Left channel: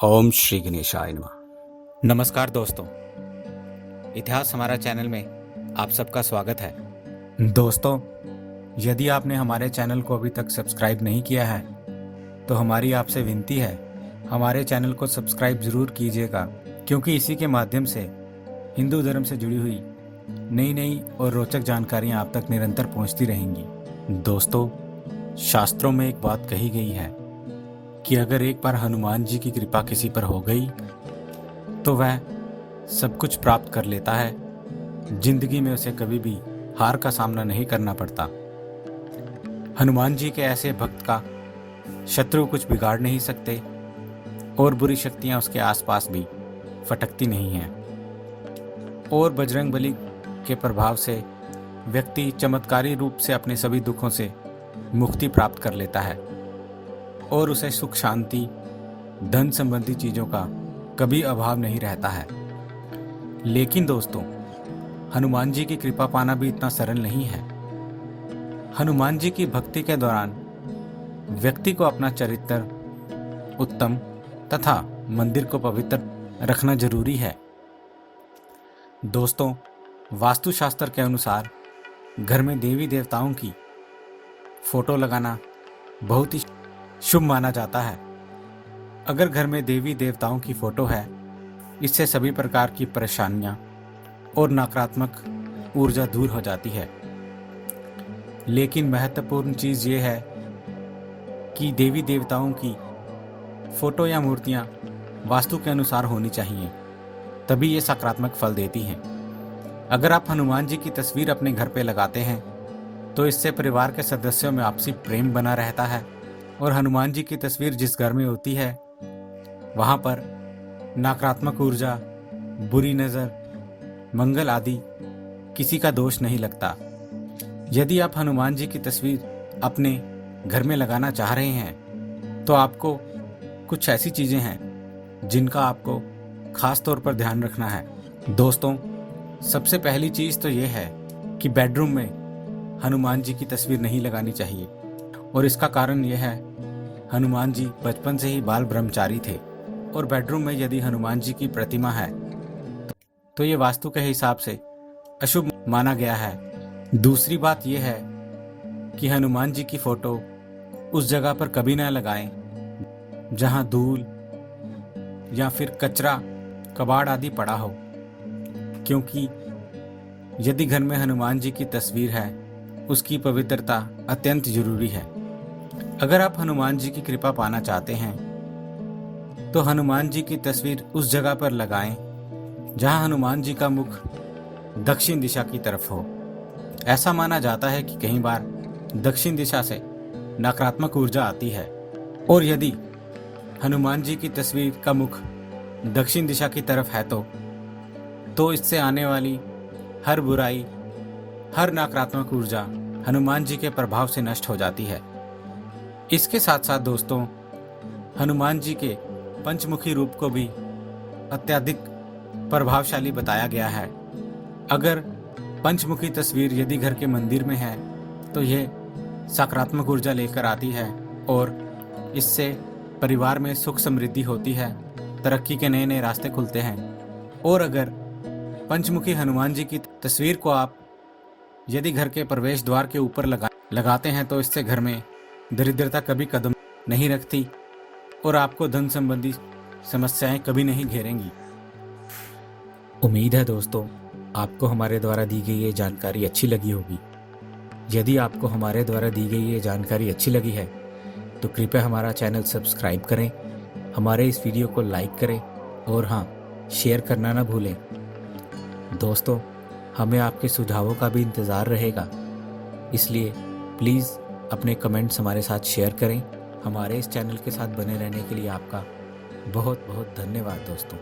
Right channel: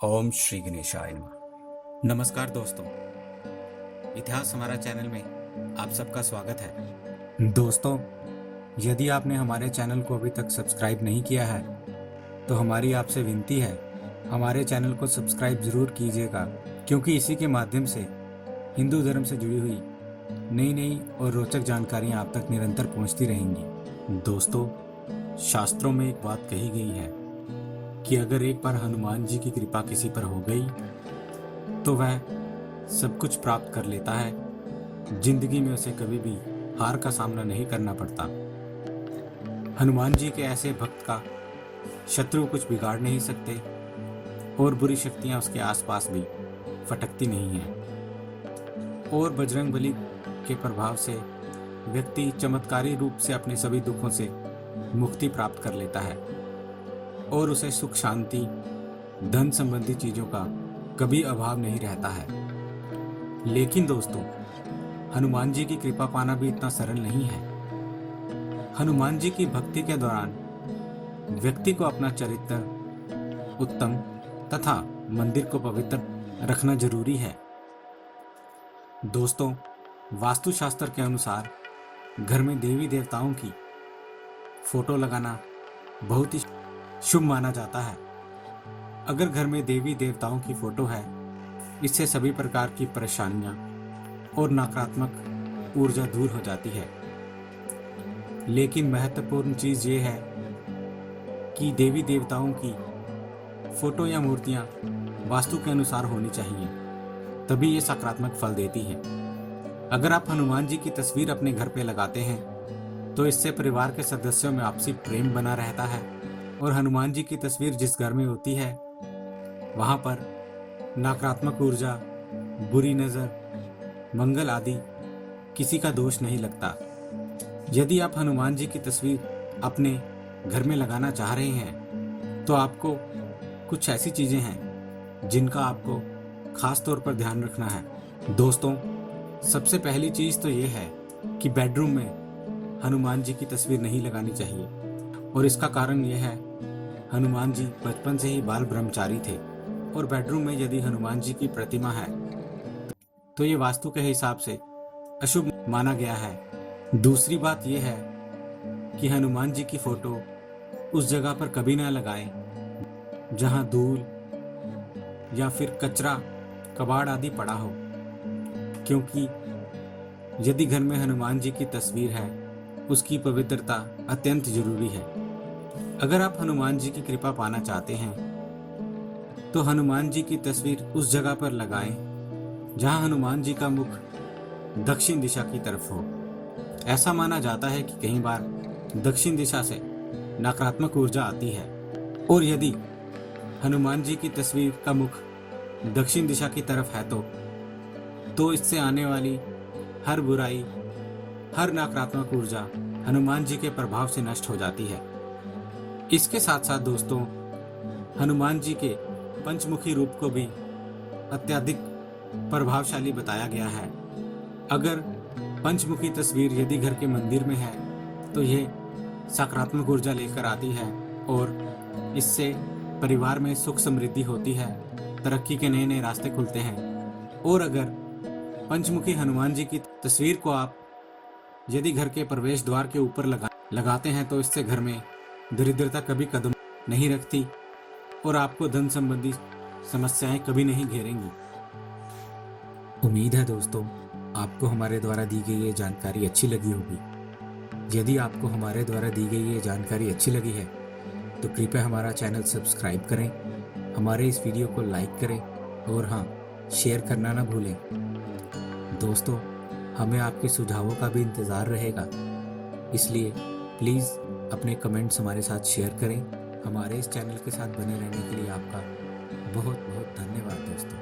ओम श्री गणेशाय नमः। नमस्कार दोस्तों, इतिहास हमारा चैनल में आप सबका स्वागत है। दोस्तों, यदि आपने हमारे चैनल को अभी तक सब्सक्राइब नहीं किया है तो हमारी आपसे विनती है, हमारे चैनल को सब्सक्राइब ज़रूर कीजिएगा, क्योंकि इसी के माध्यम से हिंदू धर्म से जुड़ी हुई नई नई और रोचक जानकारियाँ आप तक निरंतर पहुँचती रहेंगी। दोस्तों, शास्त्रों में एक बात कही गई है कि अगर एक बार हनुमान जी की कृपा किसी पर हो गई तो वह सब कुछ प्राप्त कर लेता है। जिंदगी में उसे कभी भी हार का सामना नहीं करना पड़ता। हनुमान जी के ऐसे भक्त का शत्रु कुछ बिगाड़ नहीं सकते और बुरी शक्तियां उसके आसपास भी फटकती नहीं हैं। और बजरंगबली के प्रभाव से व्यक्ति चमत्कारी रूप से अपने सभी दुखों से मुक्ति प्राप्त कर लेता है और उसे सुख, शांति, धन संबंधी चीज़ों का कभी अभाव नहीं रहता है। लेकिन दोस्तों, हनुमान जी की कृपा पाना भी इतना सरल नहीं है। हनुमान जी की भक्ति के दौरान व्यक्ति को अपना चरित्र उत्तम तथा मंदिर को पवित्र रखना जरूरी है। दोस्तों, वास्तुशास्त्र के अनुसार घर में देवी देवताओं की फोटो लगाना बहुत ही शुभ माना जाता है। अगर घर में देवी देवताओं की फोटो है, इससे सभी प्रकार की परेशानियां और नकारात्मक ऊर्जा दूर हो जाती है। लेकिन महत्वपूर्ण चीज़ ये है कि देवी देवताओं की फोटो या मूर्तियां वास्तु के अनुसार होनी चाहिए, तभी ये सकारात्मक फल देती हैं। अगर आप हनुमान जी की तस्वीर अपने घर पे लगाते हैं तो इससे परिवार के सदस्यों में आपसी प्रेम बना रहता है और हनुमान जी की तस्वीर जिस घर में होती है वहाँ पर नकारात्मक ऊर्जा, बुरी नज़र, मंगल आदि किसी का दोष नहीं लगता। यदि आप हनुमान जी की तस्वीर अपने घर में लगाना चाह रहे हैं तो आपको कुछ ऐसी चीज़ें हैं जिनका आपको खास तौर पर ध्यान रखना है। दोस्तों, सबसे पहली चीज़ तो ये है कि बेडरूम में हनुमान जी की तस्वीर नहीं लगानी चाहिए, और इसका कारण यह है, हनुमान जी बचपन से ही बाल ब्रह्मचारी थे और बेडरूम में यदि हनुमान जी की प्रतिमा है तो ये वास्तु के हिसाब से अशुभ माना गया है। दूसरी बात यह है कि हनुमान जी की फोटो उस जगह पर कभी ना लगाएं जहां धूल या फिर कचरा, कबाड़ आदि पड़ा हो, क्योंकि यदि घर में हनुमान जी की तस्वीर है, उसकी पवित्रता अत्यंत जरूरी है। अगर आप हनुमान जी की कृपा पाना चाहते हैं तो हनुमान जी की तस्वीर उस जगह पर लगाएं जहां हनुमान जी का मुख दक्षिण दिशा की तरफ हो। ऐसा माना जाता है कि कई बार दक्षिण दिशा से नकारात्मक ऊर्जा आती है, और यदि हनुमान जी की तस्वीर का मुख दक्षिण दिशा की तरफ है तो इससे आने वाली हर बुराई, हर नकारात्मक ऊर्जा हनुमान जी के प्रभाव से नष्ट हो जाती है। इसके साथ साथ दोस्तों, हनुमान जी के पंचमुखी रूप को भी अत्यधिक प्रभावशाली बताया गया है। अगर पंचमुखी तस्वीर यदि घर के मंदिर में है तो यह सकारात्मक ऊर्जा लेकर आती है और इससे परिवार में सुख समृद्धि होती है, तरक्की के नए नए रास्ते खुलते हैं। और अगर पंचमुखी हनुमान जी की तस्वीर को आप यदि घर के प्रवेश द्वार के ऊपर लगाते हैं तो इससे घर में दरिद्रता कभी कदम नहीं रखती और आपको धन संबंधी समस्याएं कभी नहीं घेरेंगी। उम्मीद है दोस्तों, आपको हमारे द्वारा दी गई ये जानकारी अच्छी लगी होगी। यदि आपको हमारे द्वारा दी गई ये जानकारी अच्छी लगी है तो कृपया हमारा चैनल सब्सक्राइब करें, हमारे इस वीडियो को लाइक करें और हाँ, शेयर करना ना भूलें। दोस्तों, हमें आपके सुझावों का भी इंतज़ार रहेगा, इसलिए प्लीज़ अपने कमेंट्स हमारे साथ शेयर करें। हमारे इस चैनल के साथ बने रहने के लिए आपका बहुत बहुत धन्यवाद दोस्तों।